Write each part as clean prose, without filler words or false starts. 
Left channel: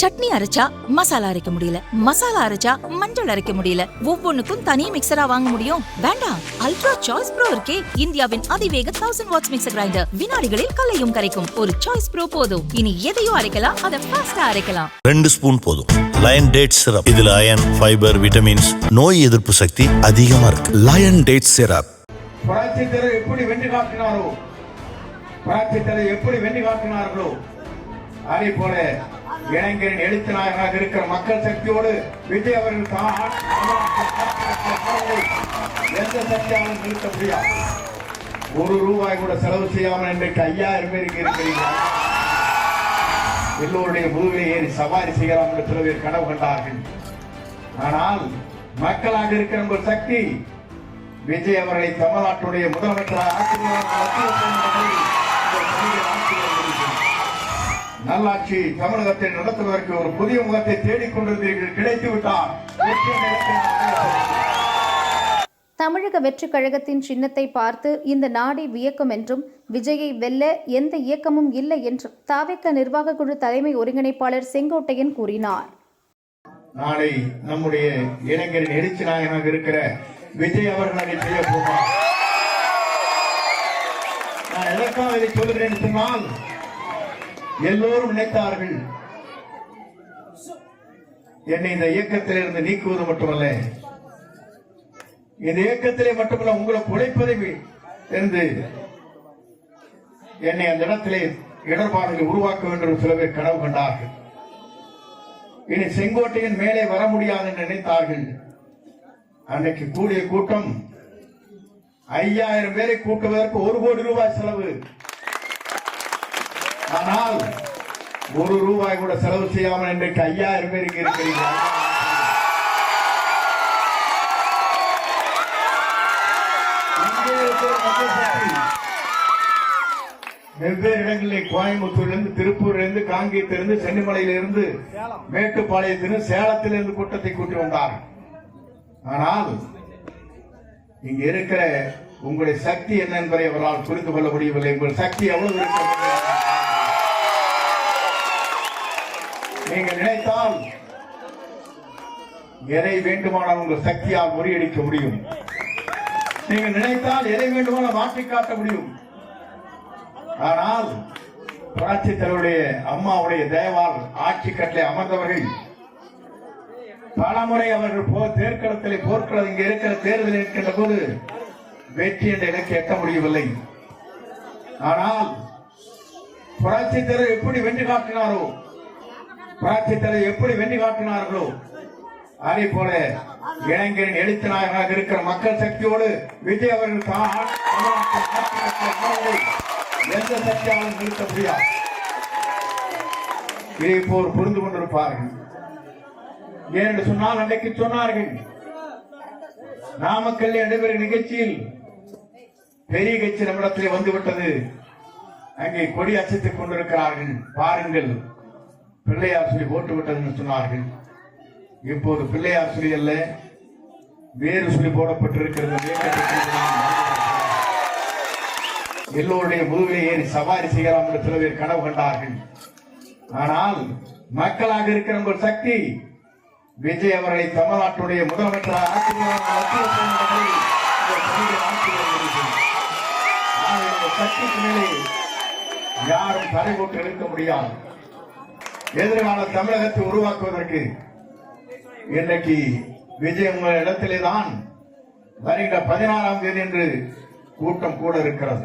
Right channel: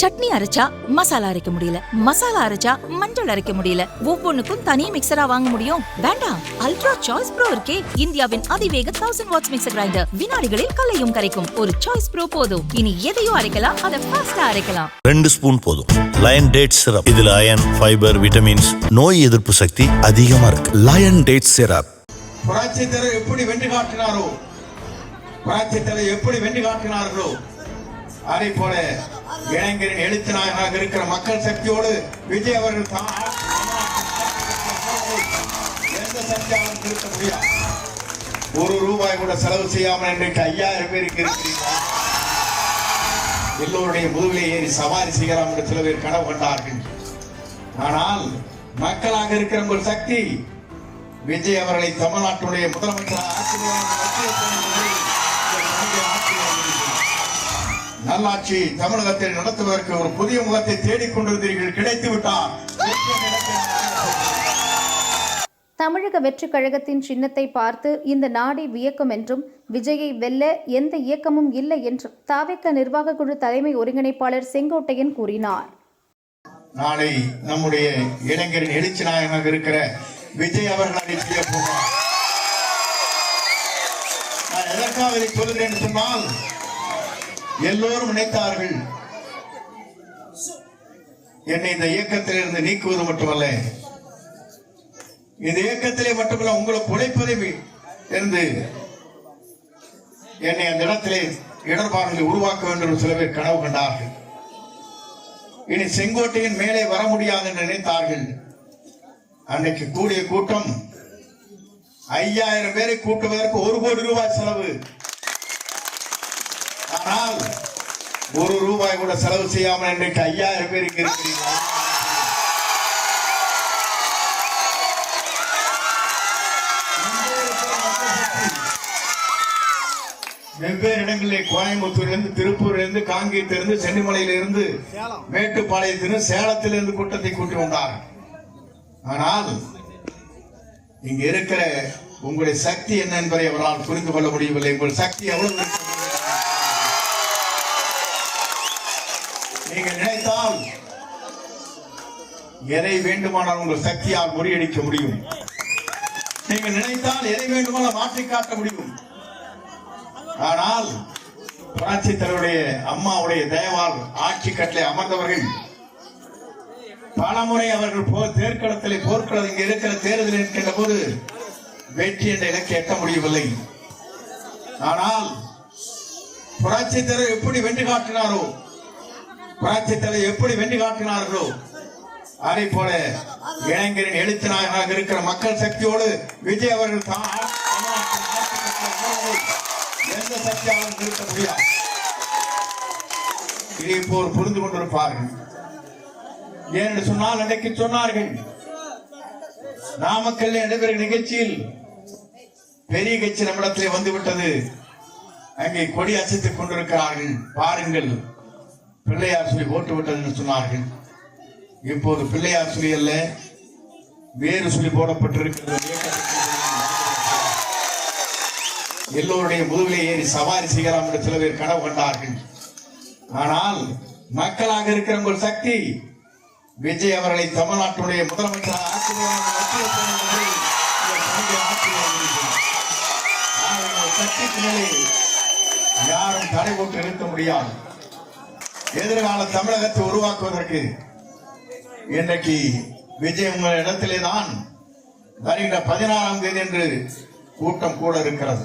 சட்னி அரைச்சா மசாலா அரைக்க முடியல, மசாலா அரைச்சா மஞ்சள் அரைக்க முடியல, ஒவ்வொன்னுக்கும் தனி மிக்சரா வாங்க முடியும்? வேண்டாம், அல்ட்ரா சாய்ஸ் ப்ரோ இருக்கே, இந்தியாவின் அதிவேக 1000 வாட்ஸ் மிக்சர் கிரைண்டர், வினாடிகளில் கலையும் கரைக்கும். ஒரு சாய்ஸ் ப்ரோ போதும். இனி எதையும் அரைக்கலாம், அதை ஃபாஸ்டா அரைக்கலாம். 2 ஸ்பூன் போதும். லயன் டேட் சிரப், இதுல அயன், ஃபைபர், விட்டமின்ஸ், நோய் எதிர்ப்பு சக்தி அதிகமா இருக்கு. Lion date syrup. புரட்சித்தலைவர் எப்படி வென்று காட்டினாரோ, புரட்சித்தலைவர் எப்படி வென்று காட்டினார்களோ, அதே போல இளைஞரின் எழுத்து நாயகனாக இருக்கிற மக்கள் சக்தியோடு விஜய் அவர்கள் எந்த சக்தியாலும் நிறுத்த முடியாது. ₹1 கூட செலவு செய்யாமல் இன்றைக்கு 5000 பேருக்கு இருக்கிறீர்கள். எல்லோருடைய முதுகை ஏறி சவாரி செய்யலாம் என்று சில பேர் கனவு கண்டார்கள். ஆனால் மக்களாக இருக்கிற ஒரு சக்தி விஜய் அவர்களை தமிழ்நாட்டுடைய முதலமைச்சராக நல்லாட்சி தமிழகத்தை நடத்துவதற்கு ஒரு புதிய முகத்தை தேடிக்கொண்டிருந்தீர்கள், கிடைத்து விட்டார். தமிழக வெற்றிக் கழகத்தின் சின்னத்தை பார்த்து இந்த நாடே வியக்கும் என்றும், விஜயை வெல்ல எந்த இயக்கமும் இல்லை என்றும் தாவேக நிர்வாக குழு தலைமை ஒருங்கிணைப்பாளர் செங்கோட்டையன் கூறினார். நாளை நம்முடைய இளைஞரின் எழுச்சி நாயகனாக இருக்கிற விஜய் அவர்கள் செய்ய போவார். நான் எதற்காக இதை சொல்கிறேன் சொன்னால், எல்லோரும் நினைத்தார்கள் என்னை இந்த இயக்கத்தில் இருந்து நீக்குவது மட்டுமல்ல, இந்த இயக்கத்திலே மட்டுமல்ல உங்களுக்கு உழைப்பதை இருந்து என்னை அந்த இடத்திலே இடர்பாடுகளை உருவாக்க வேண்டும் என்று சில பேர் கனவு கண்டார்கள். இனி செங்கோட்டையின் மேலே வர முடியாது என்று நினைத்தார்கள். அன்றைக்கு கூடிய கூட்டம் 5000 பேரை கூட்டுவதற்கு ₹1 கோடி செலவு. ஆனால் ₹1 கூட செலவு செய்யாமல் இன்றைக்கு 5000 பேருக்கு இருக்கிறீர்கள். வெவ்வேறு இடங்களில் கோயம்புத்தூரிலிருந்து, திருப்பூரிலிருந்து, காங்கேயத்திலிருந்து, சென்னிமலையிலிருந்து, மேட்டுப்பாளையத்திலிருந்து, சேலத்திலிருந்து கூட்டத்தை கூட்டி வந்தார். ஆனால் இங்க இருக்கிற உங்களுடைய சக்தி என்ன என்பதை அவரால் புரிந்து கொள்ள முடியவில்லை. உங்கள் சக்தி எவ்வளவு நீங்கள் நினைத்தால் எதை வேண்டுமானால் உங்கள் சக்தியால் முறியடிக்க முடியும். நீங்கள் நினைத்தால் எதை வேண்டுமானால் மாற்றி காட்ட முடியும். ஆனால் புரட்சி தலைவருடைய அம்மாவுடைய தயவால் ஆட்சி கட்டளை அமர்ந்தவர்கள் பலமுறை அவர்கள் தேர்தலில் போர்க்களம் இங்க இருக்கிற தேர்தலில் இருக்கின்ற போது வெற்றி என்ற இலக்கை எட்ட முடியவில்லை. ஆனால் புரட்சி தலைவர் எப்படி வென்று காட்டினாரோ, புரட்சி தலைவர் எப்படி வென்று காட்டினார்களோ, அதே போல இளைஞரின் எழுத்து நாயகனாக இருக்கிற மக்கள் சக்தியோடு விஜய் அவர்கள் எந்த சக்தியாலும் நிறுத்த முடியாது. இதை போல் புரிந்து கொண்டிருப்பார்கள். ஏனென்று சொன்னால், அன்றைக்கு சொன்னார்கள், நாமக்கல் நடைபெறும் நிகழ்ச்சியில் பெரிய கட்சி நம்மிடத்திலே வந்துவிட்டது, அங்கே கொடி அசைத்துக் கொண்டிருக்கிறார்கள், பாருங்கள், பிள்ளையார் சொல்லி ஓட்டு விட்டது என்று சொன்னார்கள். இப்போது பிள்ளையார் சொல்லி அல்ல, வேறு சொல்லி போடப்பட்டிருக்கிறது. எல்லோருடைய முதுகை ஏறி சவாரி செய்யலாம் என்று சில பேர் கனவு கண்டார்கள். ஆனால் மக்களாக இருக்கிற ஒரு சக்தி விஜய் அவர்களை தமிழ்நாட்டுடைய முதலமைச்சராக யாரும் தடை போட்டு நிறுத்த முடியாது. எதிர்கால தமிழகத்தை உருவாக்குவதற்கு இன்றைக்கு விஜய் உங்கள் இடத்திலே தான் வருகின்ற 14ஆம் தேதி என்று கூட்டம் கூட இருக்கிறது.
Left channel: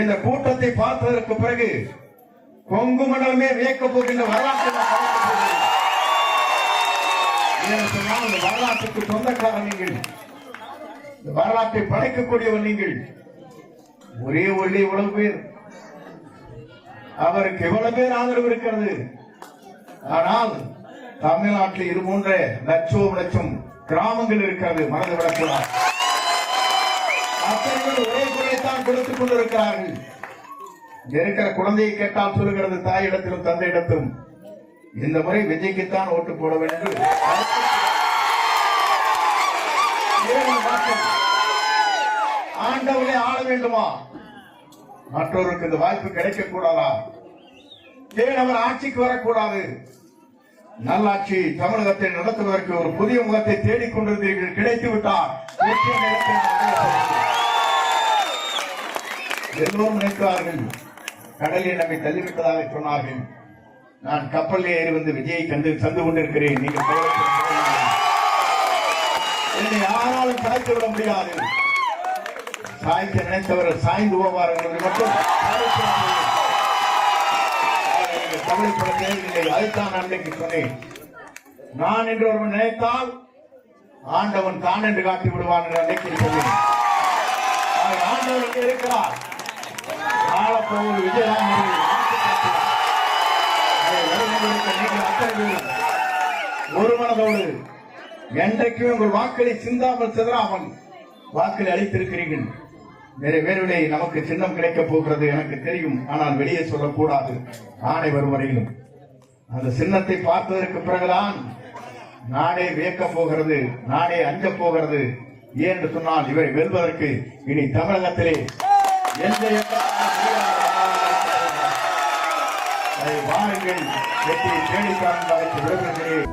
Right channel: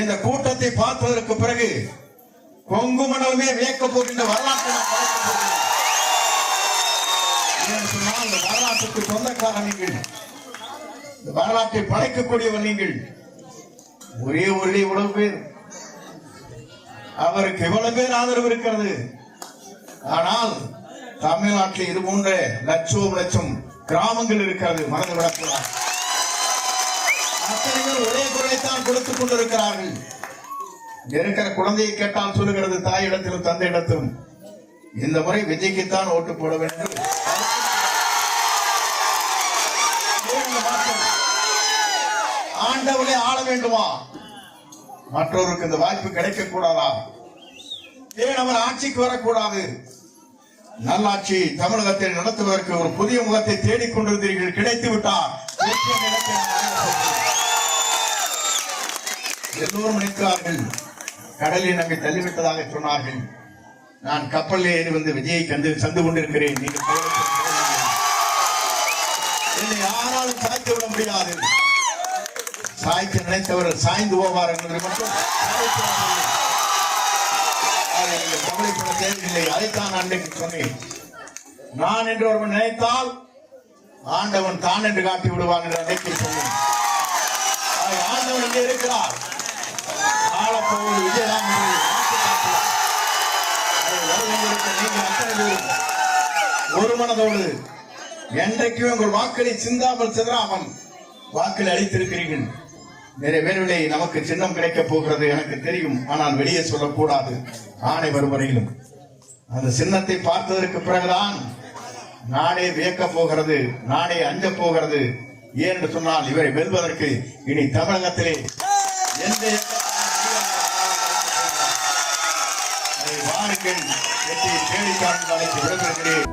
இந்த கூட்டத்தை பார்ப்பதற்கு பிறகு கொங்கு மண்டலமே வியக்க போகின்ற வரலாற்றுக்கு சொந்தக்காரர் நீங்கள், வரலாற்றை படைக்கக்கூடியவர் நீங்கள். ஒரே ஒளி இவ்வளவு பேர், அவருக்கு இவ்வளவு பேர் ஆதரவு இருக்கிறது. ஆனால் தமிழ்நாட்டில் இது போன்ற லட்சம் கிராமங்கள் இருக்கிறது, மறந்துவிடக்கூடாது. அத்தனைகள் ஒரே குரலைத்தான் கொடுத்துக் கொண்டிருக்கிறார்கள். இருக்கிற குழந்தையை கேட்டால் சொல்லுகிறது தாயிடத்திலும் தந்தையிடத்திலும், இந்த முறை விஜய்க்குத்தான் ஓட்டு போட வேண்டும். ஆண்டவனை ஆள வேண்டுமா? மற்றவருக்கு இந்த வாய்ப்பு கிடைக்க கூடாதா? ஏன் அவர் ஆட்சிக்கு வரக்கூடாது? நல்லாட்சி தமிழகத்தை நடத்துவதற்கு ஒரு புதிய முகத்தை தேடிக்கொண்டிருந்தீர்கள், கிடைத்து விட்டார். வெற்றி என்ற இலக்கை நாம் அடையப் போகிறோம். எல்லோரும் நினைத்தார்கள், கடலில் நம்மை தள்ளிவிட்டதாக சொன்னார்கள். நான் கப்பலில் ஏறி வந்து விஜயை சந்து கொண்டிருக்கிறேன். நீங்கள் என்னை யாராலும் சாய்த்து விட முடியாது. சாய்க்க நினைத்தவர்கள் சாய்ந்து போவார் என்பதை மட்டும் கவலைப்பட தேவையில்லை. அதைத்தான் அன்றைக்கு சொன்னேன். நான் என்று ஒருவன் நினைத்தால் ஆண்டவன் தான் என்று காட்டி விடுவான் என்று அன்றைக்கு சொன்னேன். ஆண்டவன் இங்கே இருக்கிறார். ஆளப்போவது விஜயதான் ஒரு மனதோடு என்றைக்கும் உங்கள் வாக்களை சிந்தாமல் சிதறாமல் வாக்களை அளித்திருக்கிறீர்கள். நிறைவேறவில்லை. நமக்கு சின்னம் கிடைக்கப் போகிறது எனக்கு தெரியும். ஆனால் வெளியே சொல்லக்கூடாது. ஆணை வரும் வரையிலும் அந்த சின்னத்தை பார்த்ததற்கு பிறகுதான் நாடே வியக்கப் போகிறது, நாடே அஞ்சப் போகிறது. ஏன் என்று சொன்னால் இவரை வெல்வதற்கு இனி தமிழகத்திலே எந்த வாருங்கள் வெற்றியை தேடித்தான் விரும்புகிறேன்.